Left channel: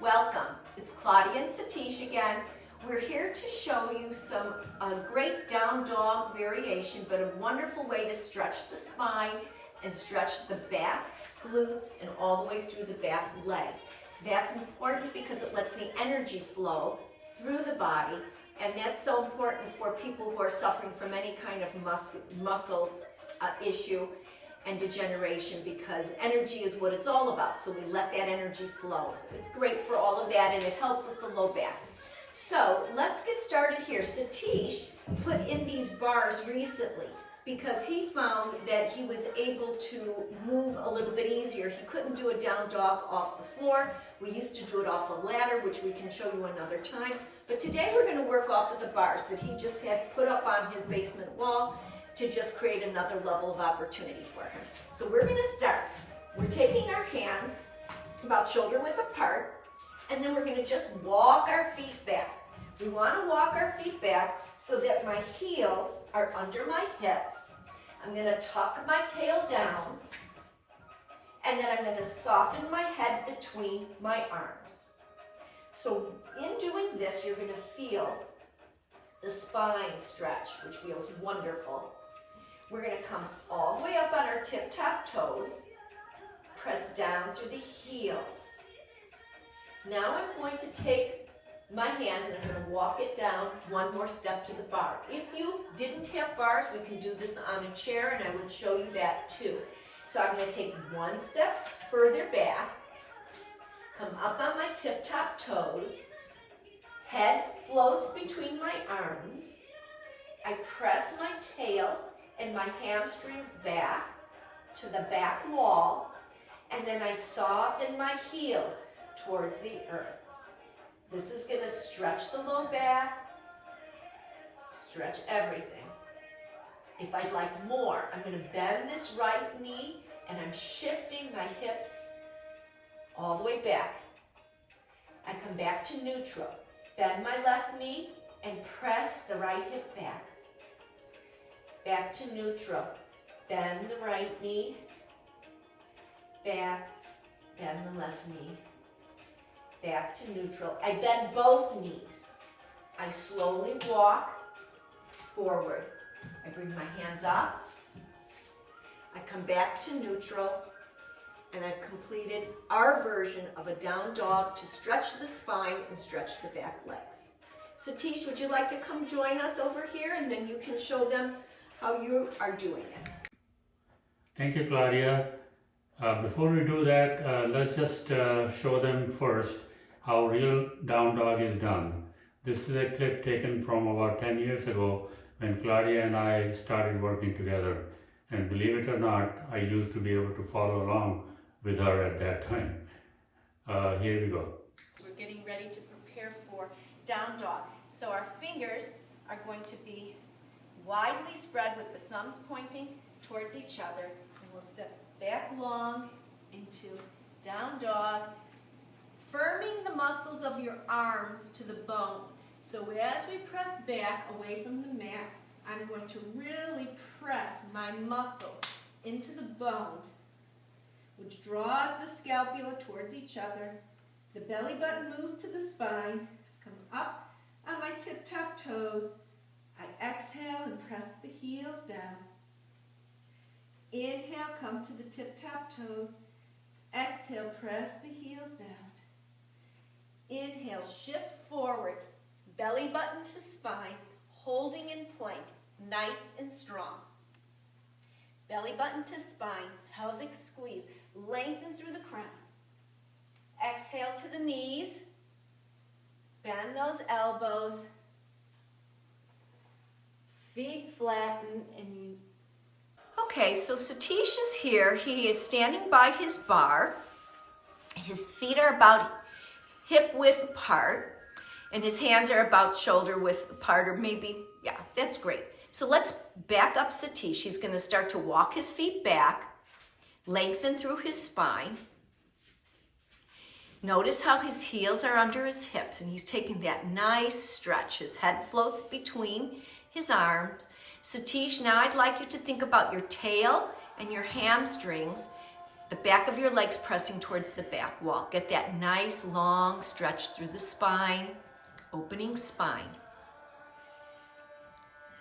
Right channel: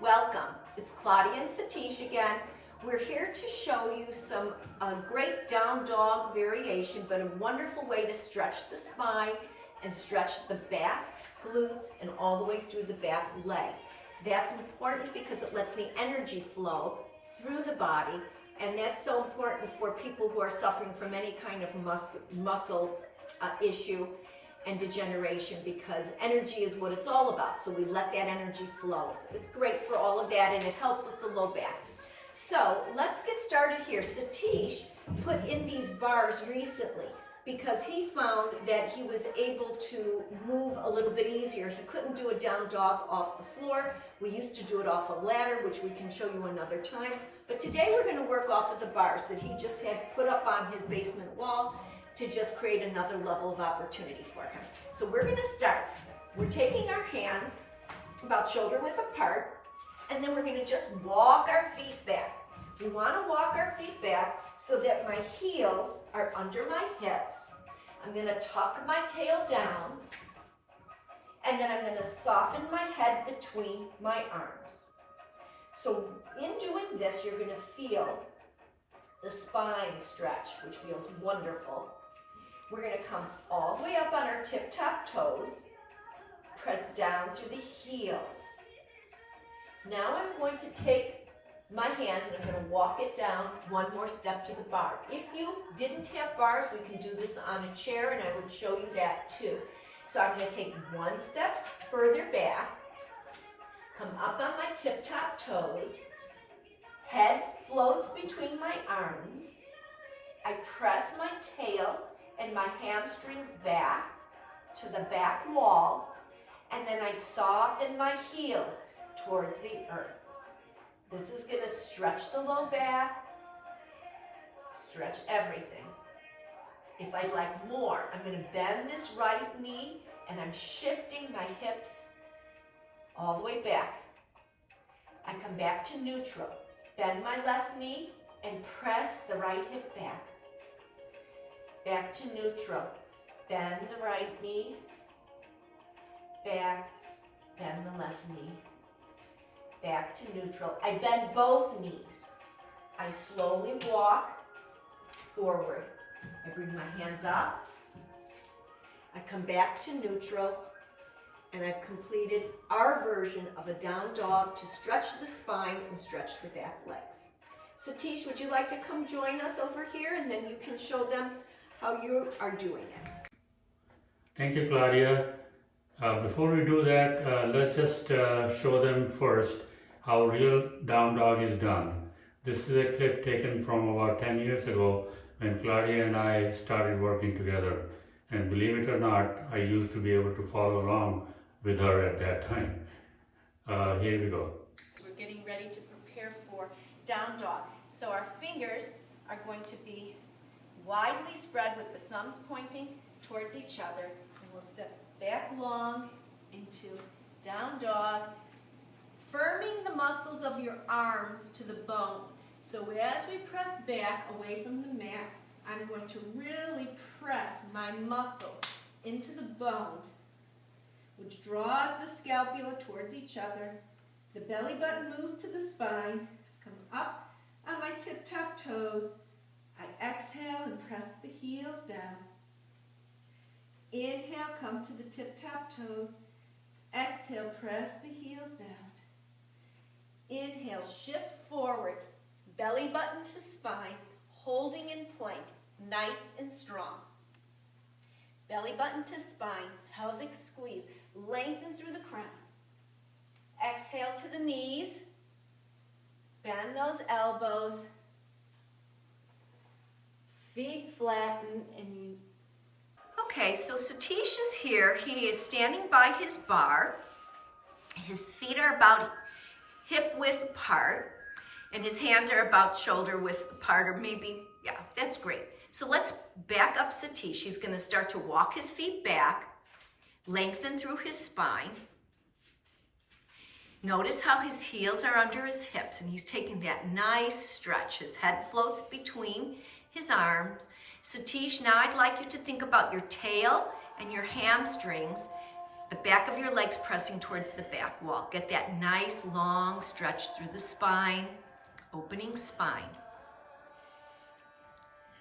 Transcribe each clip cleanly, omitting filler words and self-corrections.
Welcome. It's Claudia and Satish again. We're here to show you some great down dog variation, but a wonderful way to stretch the spine and stretch the back, glutes, and all the way through the back leg. That's important because it lets the energy flow through the body, and that's so important for people who are suffering from any kind of muscle issue and degeneration, because energy is what it's all about. So we let that energy flow. So it's great for all of that, and it helps with the low back. So let's get started here. Satish put in these bars recently because he found that he was able to move a little bit easier. He couldn't do a down dog off the floor. We used to do it off a ladder, which we can show you another time. But today we're going to work off of the bars that he just had put up on his basement wall to just create another level of opportunity for him. So we're going to start. We're taking our hands about shoulder width apart, and then we're going to just walk our feet back. We want to walk our feet back so that my heels are under my hips. I'm going to tuck my tail down, and then I'm going to soften my head between my arms. So in doing this, you're going to feel the spine stretch, which feels wonderful. We're going to come all the way up on our tip-top toes, press down through the heels. Now I'm going to take my hands and I'm going to walk it down one more step to the bar. If you didn't have bars, we can do this on a chair, and I will show you that too. So I'm going to take one step further back, come up on my tip-top toes, head floats between my arms, I press my tail and my hamstrings back to the back wall, and then I soften my heels towards the earth. This is going to stretch the low back, stretch everything. If I'd like more, I'm going to bend this right knee, and I'm shifting my hips all the way back. I come back to neutral. Bend my left knee and press the right hip back. Back to neutral. Bend the right knee, back, bend the left knee, back to neutral. I bend both knees. I slowly walk forward. I bring my hands up. I come back to neutral, and I've completed our version of a down dog to stretch the spine and stretch the back legs. Satish, would you like to come join us over here, and then you can show them how you are doing it? Thank you, Claudia. Before we do that, let's just show them first how real down dog is done. This is a clip taken from about 10 years ago when Claudia and I started working together. And believe it or not, I used to be able to follow along with her at that time. Here we go. We're getting ready to prepare for down dog. So our fingers are going to be widely spread with the thumbs pointing towards each other, and we'll step back long into down dog, firming the muscles of your arms to the bone. So as we press back away from the mat, I'm going to really press my muscles into the bone, which draws the scapula towards each other. The belly button moves to the spine. Come up on my tip-top toes. I exhale and press the heels down. Inhale, come to the tip-top toes. Exhale, press the heels down. Inhale, shift forward, belly button to spine, holding in plank, nice and strong. Belly button to spine, pelvic squeeze, lengthen through the crown. Exhale to the knees, bend those elbows, feet flatten, and you. Okay, so Satish is here. He is standing by his bar. His feet are about hip width apart, and his hands are about shoulder width apart, or maybe, yeah, that's great. So let's back up Satish. He's going to start to walk his feet back, lengthen through his spine. Notice how his heels are under his hips, and he's taking that nice stretch. His head floats between his arms. Satish, now I'd like you to think about your tail and your hamstrings The back of your legs pressing towards the back wall. Get that nice long stretch through the spine, opening spine.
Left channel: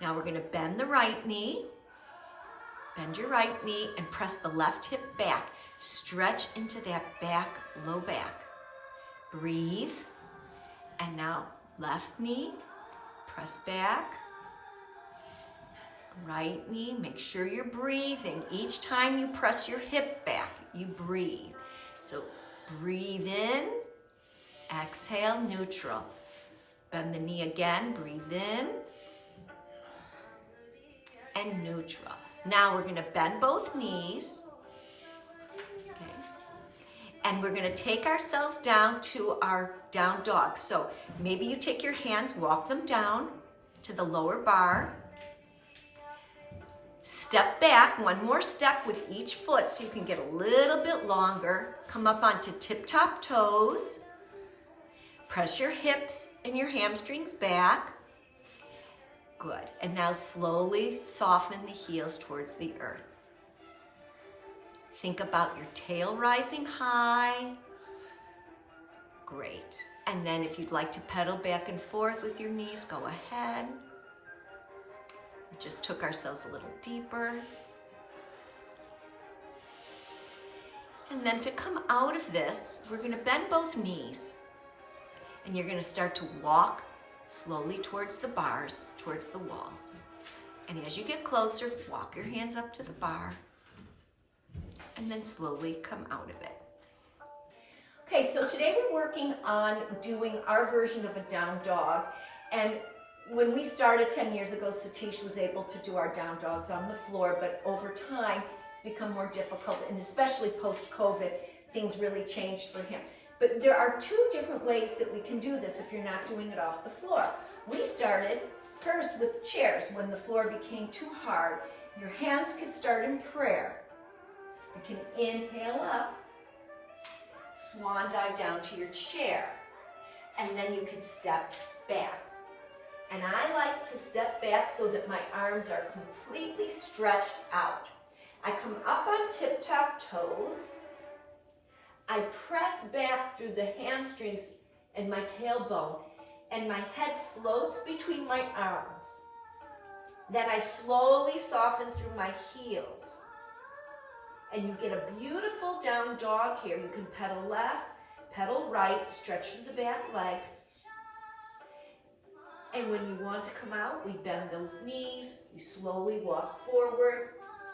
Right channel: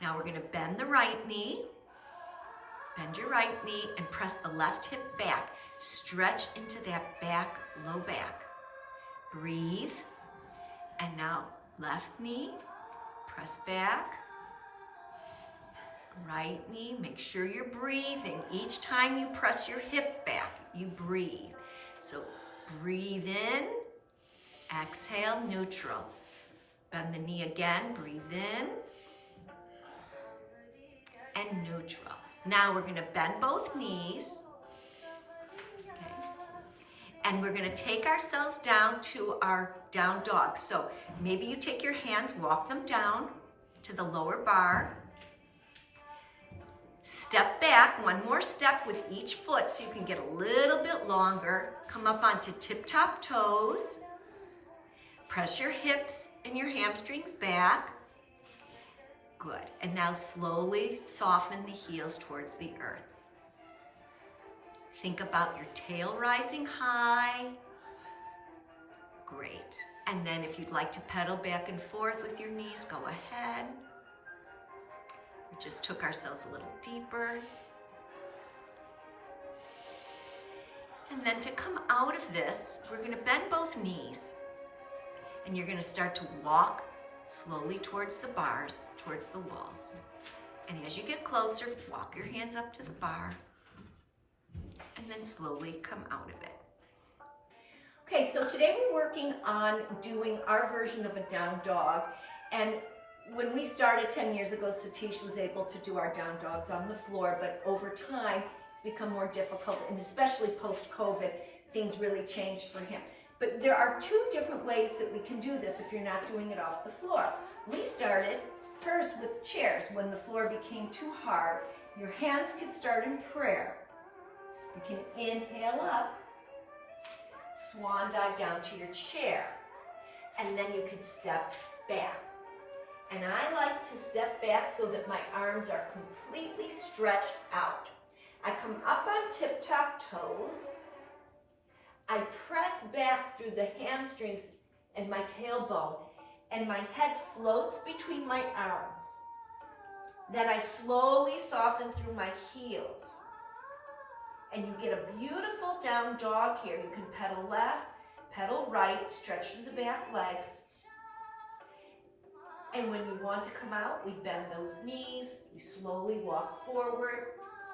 Now we're gonna bend the right knee, bend your right knee and press the left hip back. Stretch into that back, low back. Breathe. And now left knee, press back. Right knee, make sure you're breathing. Each time you press your hip back, you breathe. So breathe in, exhale, neutral. Bend the knee again, breathe in, and neutral. Now we're gonna bend both knees. And we're gonna take ourselves down to our down dog. So maybe you take your hands, walk them down to the lower bar. Step back, one more step with each foot so you can get a little bit longer. Come up onto tip-top toes. Press your hips and your hamstrings back. Good, and now slowly soften the heels towards the earth. Think about your tail rising high. Great. And then if you'd like to pedal back and forth with your knees, go ahead. We just took ourselves a little deeper. And then to come out of this, we're gonna bend both knees. And you're gonna start to walk slowly towards the bars, towards the walls. And as you get closer, walk your hands up to the bar. And then slowly come out of it. Okay, so today we're working on doing our version of a down dog. And when we started 10 years ago, Satish was able to do our down dogs on the floor, but over time, it's become more difficult, and especially post-COVID, things really changed for him. But there are two different ways that we can do this if you're not doing it off the floor. We started first with chairs. When the floor became too hard, your hands could start in prayer. You can inhale up, swan dive down to your chair, and then you can step back. And I like to step back so that my arms are completely stretched out. I come up on tip-top toes. I press back through the hamstrings and my tailbone, and my head floats between my arms. Then I slowly soften through my heels. And you get a beautiful down dog here. You can pedal left, pedal right, stretch through the back legs. And when you want to come out, we bend those knees, we slowly walk forward,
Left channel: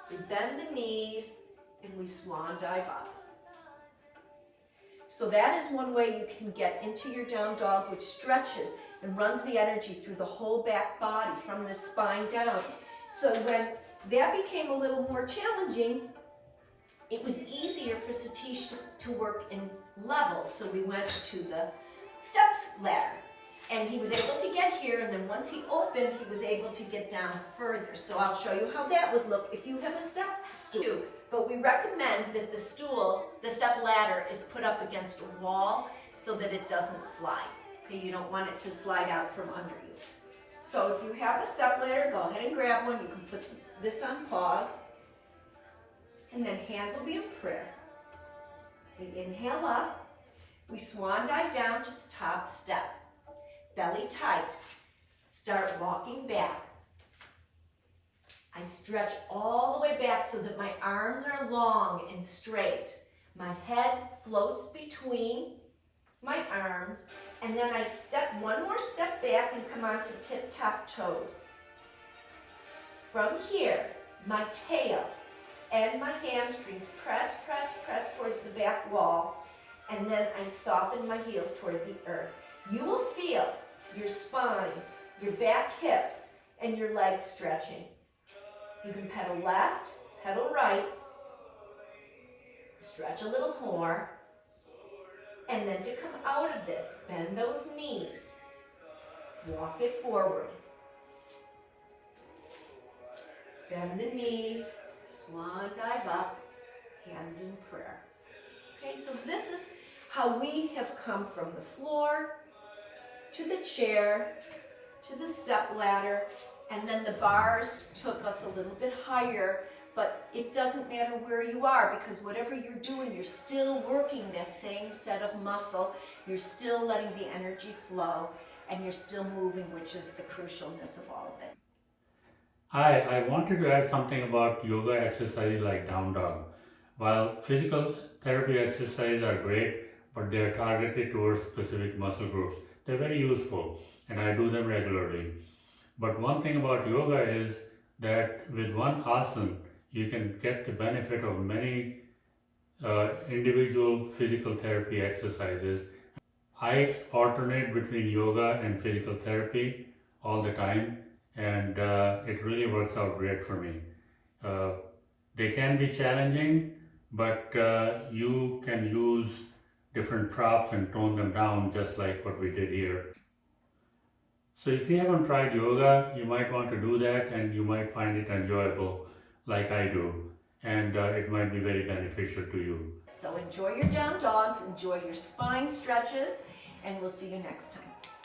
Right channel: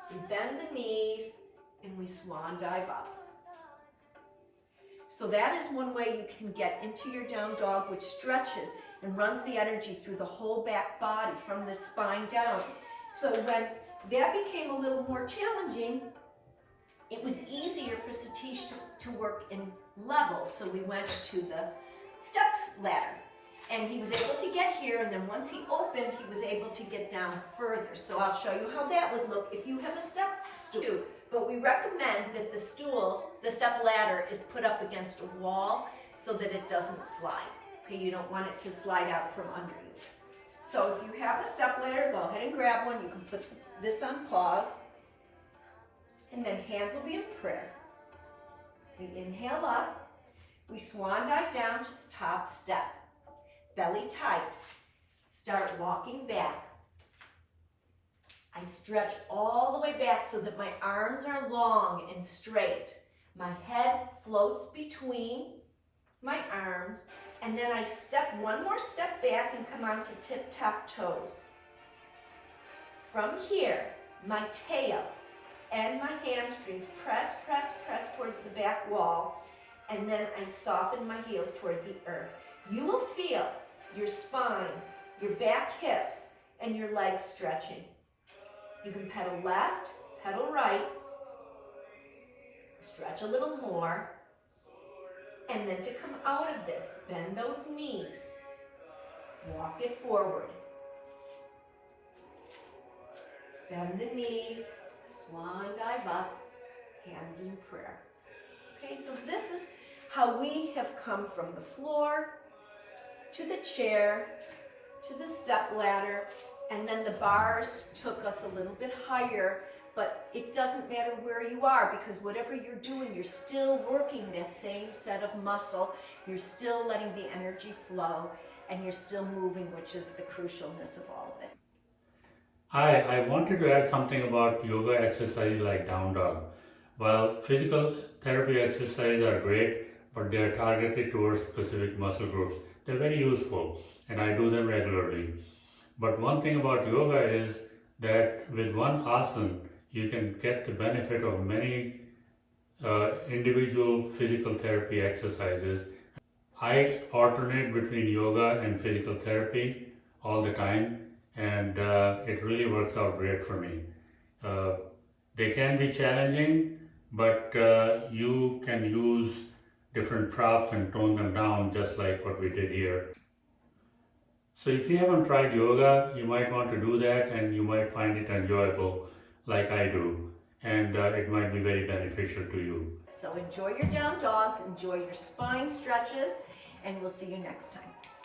we bend the knees, and we swan dive up. So that is one way you can get into your down dog, which stretches and runs the energy through the whole back body from the spine down. So when that became a little more challenging, it was easier for Satish to work in levels. So we went to the steps ladder. And he was able to get here, and then once he opened, he was able to get down further. So I'll show you how that would look if you have a step stool. But we recommend that the stool, the step ladder, is put up against a wall so that it doesn't slide. Okay, you don't want it to slide out from under you. So if you have a step ladder, go ahead and grab one. You can put this on pause. And then hands will be in prayer. We inhale up. We swan dive down to the top step. Belly tight. Start walking back. I stretch all the way back so that my arms are long and straight. My head floats between my arms, and then I step one more step back and come onto tip-top toes. From here, my tail and my hamstrings press, press, press towards the back wall, and then I soften my heels toward the earth. You will feel your spine, your back hips, and your legs stretching. You can pedal left, pedal right, stretch a little more, and then to come out of this, bend those knees, walk it forward. Bend the knees, swan dive up, hands in prayer. Okay, so this is how we have come from the floor to the chair, to the step ladder, and then the bars took us a little bit higher but it doesn't matter where you are, because whatever you're doing, you're still working that same set of muscle, you're still letting the energy flow, and you're still moving, which is the crucialness of all of it. I wanted to add something about yoga exercises like down dog. While physical therapy exercises are great, but they're targeted towards specific muscle groups, they're very useful and I do them regularly. But one thing about yoga is that with one asana, you can get the benefit of many individual physical therapy exercises. I alternate between yoga and physical therapy all the time, and it really works out great for me. They can be challenging, but you can use different props and tone them down just like what we did here. So if you haven't tried yoga, you might want to do that and you might find it enjoyable like I do, and it might be very beneficial to you. So enjoy your down dogs, enjoy your spine stretches, and we'll see you next time.